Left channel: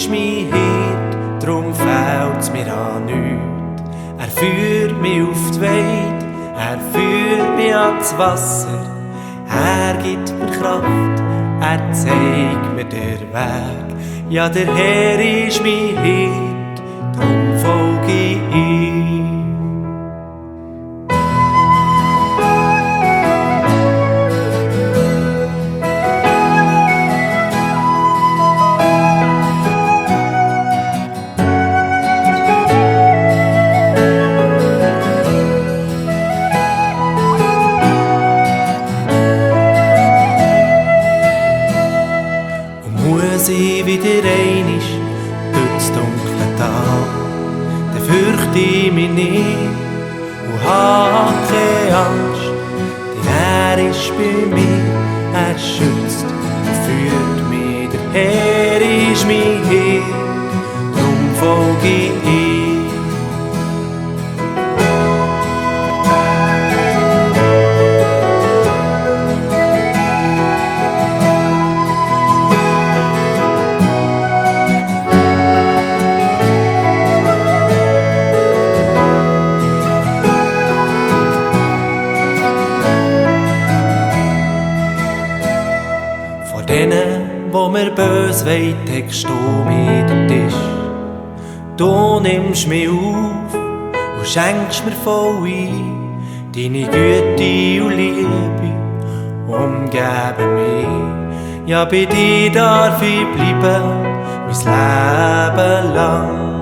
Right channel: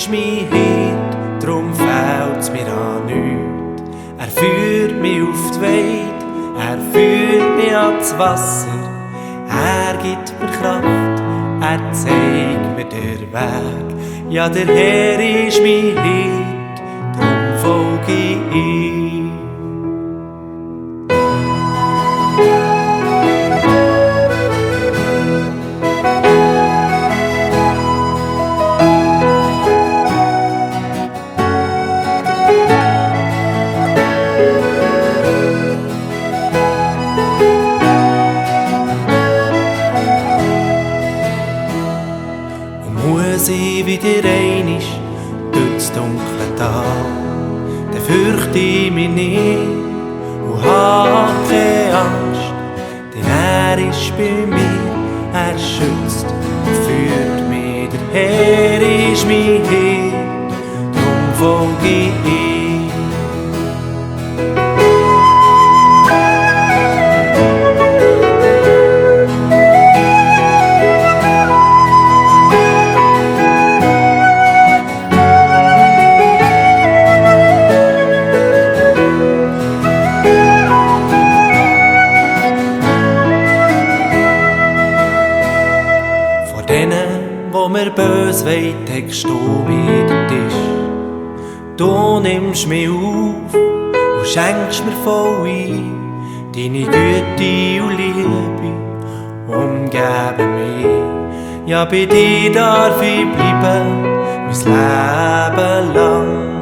ist mein Hirt, drum fehlt's mir an nichts. Er führt mich auf die Weide, er führt mich ans Wasser. Er gibt mir Kraft, er zeigt mir den Weg. Ja, der Herr ist mein Hirt, drum folge ich ihm. Muss ich wieder einmal durchs dunkle Tal, dann fürchte ich mich nicht und habe keine Angst, denn er ist bei mir, er schützt und führt mich. Der Herr ist mein Hirt, drum folge ich ihm. Denen, wo mir bös wollen, deckst du mir den Tisch. Du nimmst mich auf und schenkst mir voll ein. Deine Güte und Liebe umgeben mich. Ja, bei dir darf ich bleiben, mein Leben lang.